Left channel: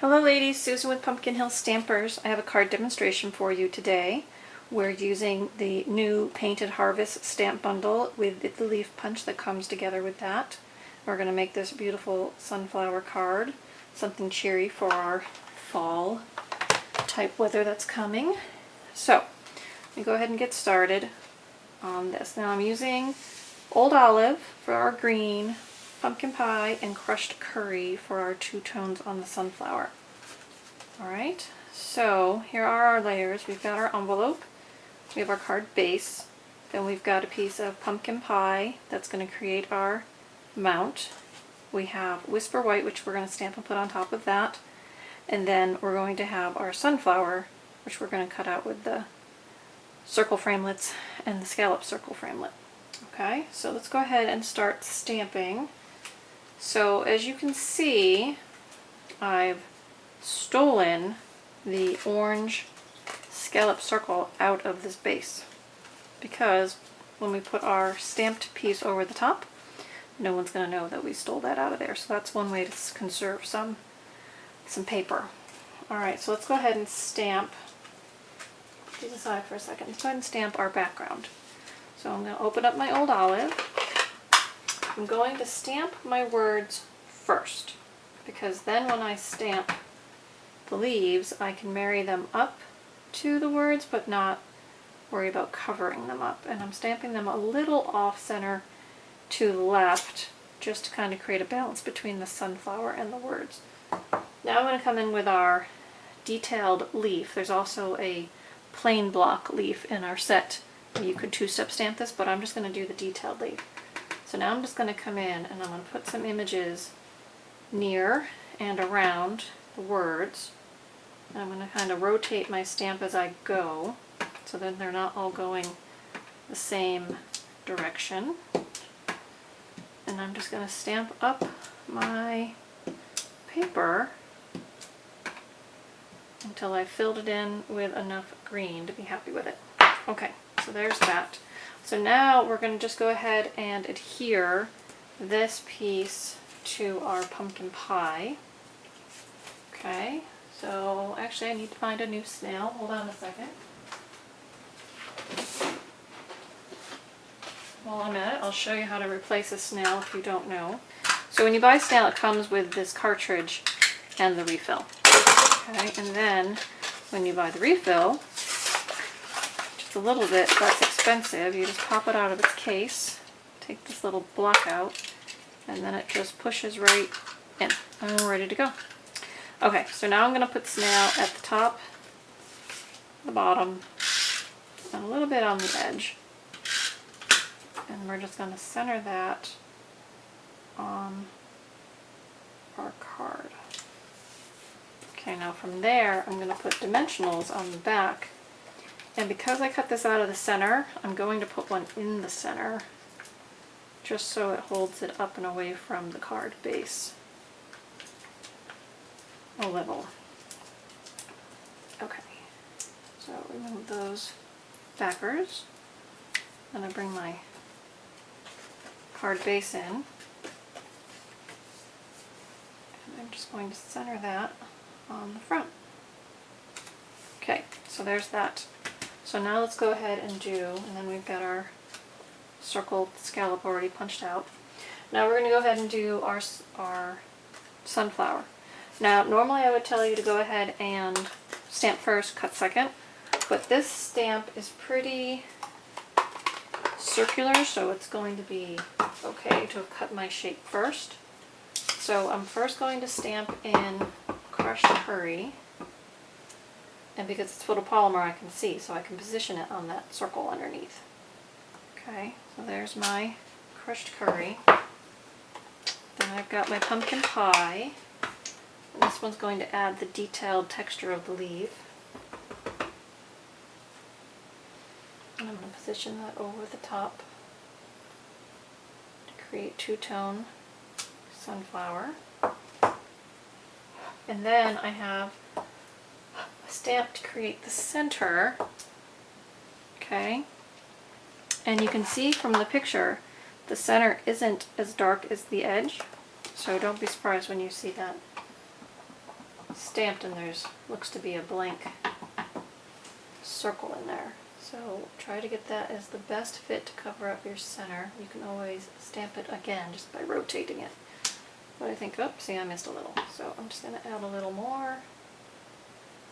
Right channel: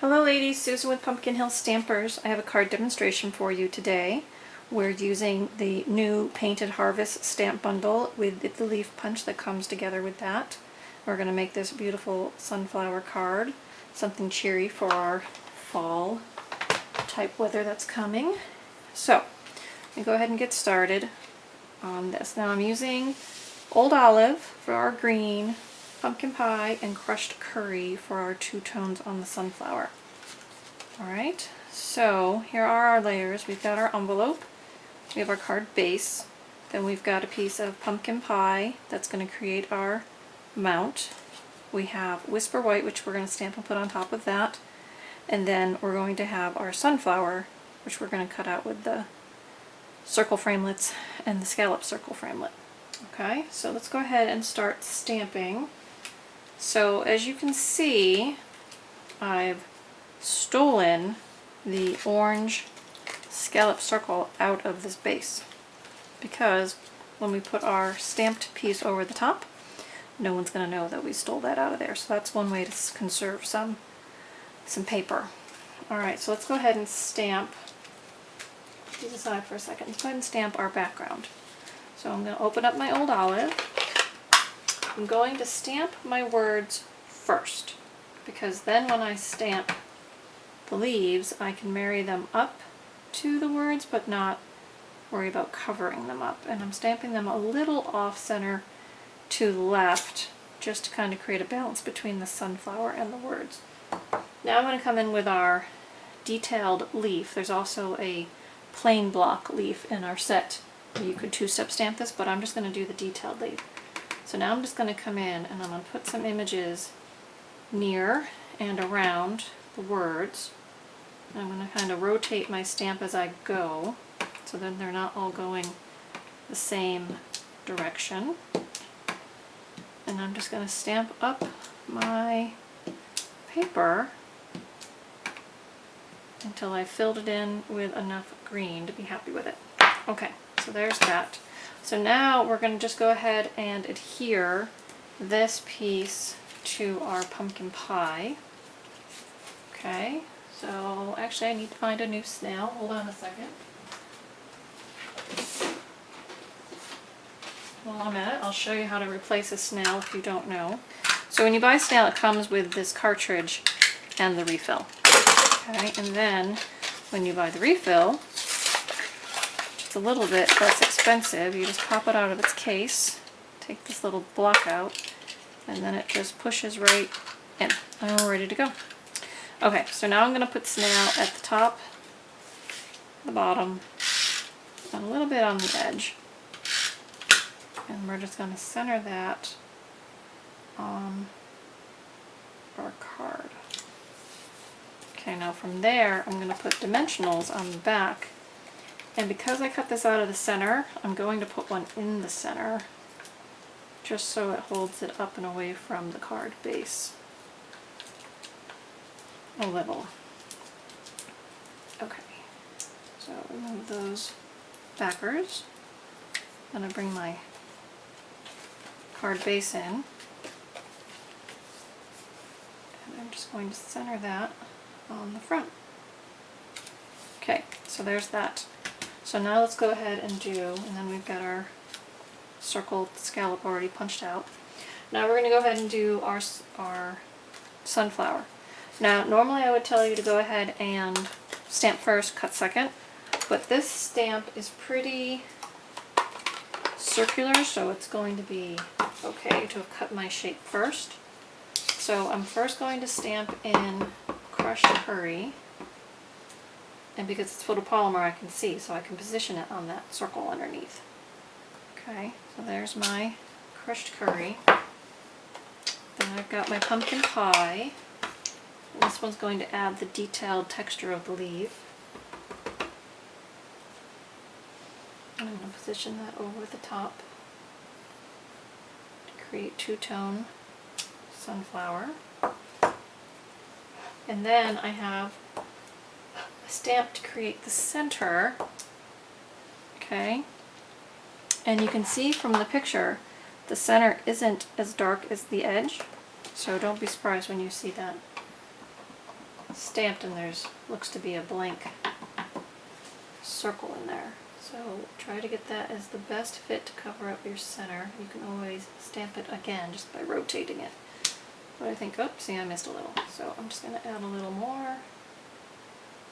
Hello ladies, Susan with Pumpkin Hill Stampers. I have a card demonstration for you today. We're using the new Painted Harvest stamp bundle with the leaf punch that comes together with that. We're going to make this beautiful sunflower card, something cheery for our fall type weather that's coming. So, we'll go ahead and get started on this. Now I'm using Old Olive for our green, pumpkin pie, and crushed curry for our two tones on the sunflower. Alright, so here are our layers. We've got our envelope, we have our card base, then we've got a piece of pumpkin pie that's going to create our mount. We have Whisper White, which we're going to stamp and put on top of that, and then we're going to have our sunflower, which we're going to cut out with the circle framelits and the scallop circle framelit. Okay, so let's go ahead and start stamping. So as you can see, I've stolen the orange scallop circle out of this base because when we put our stamped piece over the top, no one's going to know that we stole that out of there. So that's one way to conserve some paper. Alright, so let's go ahead and stamp. Put these aside for a second. Let's go ahead and stamp our background. So I'm going to open up my Old Olive. I'm going to stamp my words first, because then when I stamp the leaves, I can marry them up to the words, but not worry about covering them up. And I'm stamping them a little off-center to the left, just to kind of create a balance between the sunflower and the words. Now I'm going to come in with our detailed leaf. There's also a plain block leaf in our set. You could two-step stamp this, but I'm just going to do the detailed leaf. So now I'm just going to come in and I'm going to put some images near and around the words. And I'm going to kind of rotate my stamp as I go, so then they're not all going the same direction. And I'm just going to stamp up my paper until I filled it in with enough green to be happy with it. Okay, so there's that. So now we're going to just go ahead and adhere this piece to our pumpkin pie. Okay, so actually I need to find a new snail. Hold on a second. While I'm at it, I'll show you how to replace a snail if you don't know. So when you buy a snail, it comes with this cartridge and the refill. Okay, and then when you buy the refill, it's a little bit less expensive. You just pop it out of its case, take this little block out, and then it just pushes right in, and we're ready to go. Okay, so now I'm going to put snail at the top, the bottom, and a little bit on the edge. And we're just going to center that on our card. Okay, now from there I'm going to put dimensionals on the back. And because I cut this out of the center, I'm going to put one in the center, just so it holds it up and away from the card base a little. Okay, so remove those backers. Then I bring my card base in, and I'm just going to center that on the front. Okay, so there's that. So now let's go ahead and and then we've got our circled scallop already punched out. Now we're going to go ahead and do our sunflower. Now normally I would tell you to go ahead and stamp first, cut second, but this stamp is pretty circular, so it's going to be okay to have cut my shape first. So I'm first going to stamp in crushed curry. And because it's photopolymer, I can see, so I can position it on that circle underneath. Okay, so there's my crushed curry. Then I've got my pumpkin pie. And this one's going to add the detailed texture of the leaf. And I'm going to position that over the top to create two-tone sunflower. And then I have stamp to create the center. Okay, and you can see from the picture the center isn't as dark as the edge, so don't be surprised when you see that stamped and there's looks to be a blank circle in there. So try to get that as the best fit to cover up your center. You can always stamp it again just by rotating it. But I think, oops, see, I missed a little. So I'm just going to add a little more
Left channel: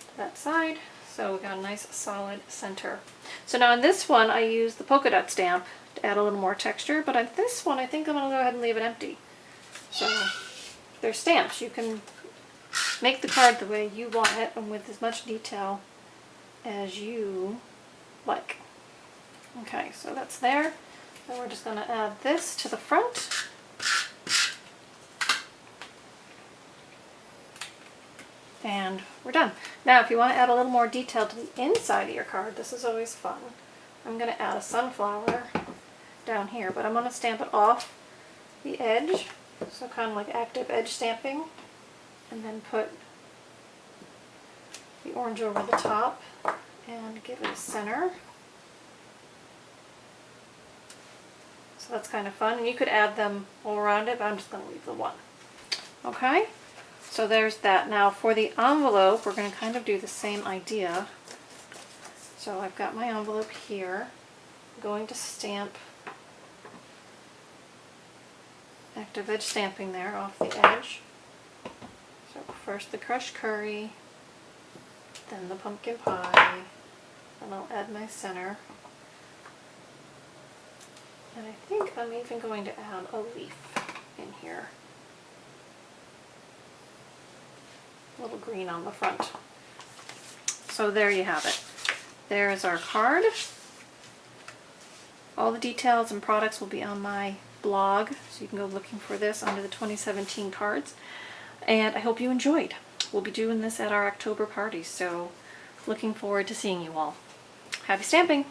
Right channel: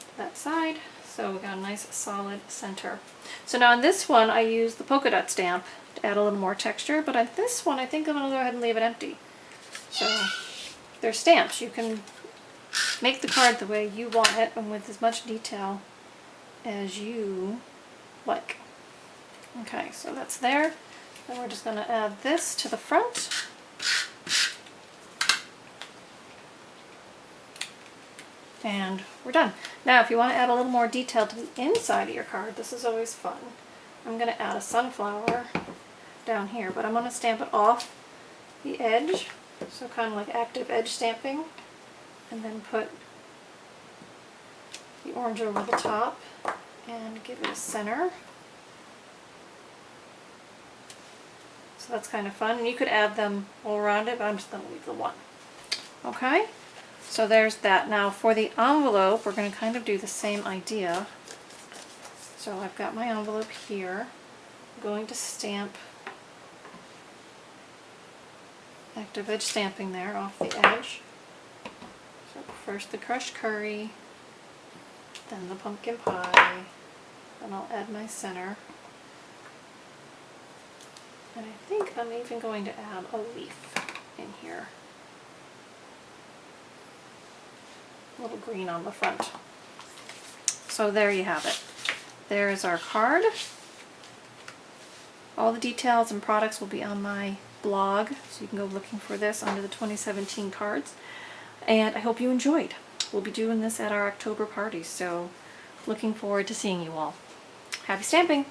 to that side. So we've got a nice solid center. So now on this one I use the polka dot stamp to add a little more texture, but on this one I think I'm going to go ahead and leave it empty. So they're stamps. You can make the card the way you want it and with as much detail as you like. Okay, so that's there. Then we're just going to add this to the front. And we're done. Now if you want to add a little more detail to the inside of your card, this is always fun. I'm going to add a sunflower down here, but I'm going to stamp it off the edge, so kind of like active edge stamping, and then put the orange over the top and give it a center. So that's kind of fun. You could add them all around it, but I'm just going to leave the one. Okay, so there's that. Now for the envelope, we're going to kind of do the same idea. So I've got my envelope here. I'm going to stamp active edge stamping there off the edge. So first the crushed curry, then the pumpkin pie, then I'll add my center. And I think I'm even going to add a leaf in here. A little green on the front. So there you have it. There's our card. All the details and products will be on my blog, so you can go looking for this under the 2017 cards. And I hope you enjoyed. We'll be doing this at our October party, so looking forward to seeing you all. Happy stamping!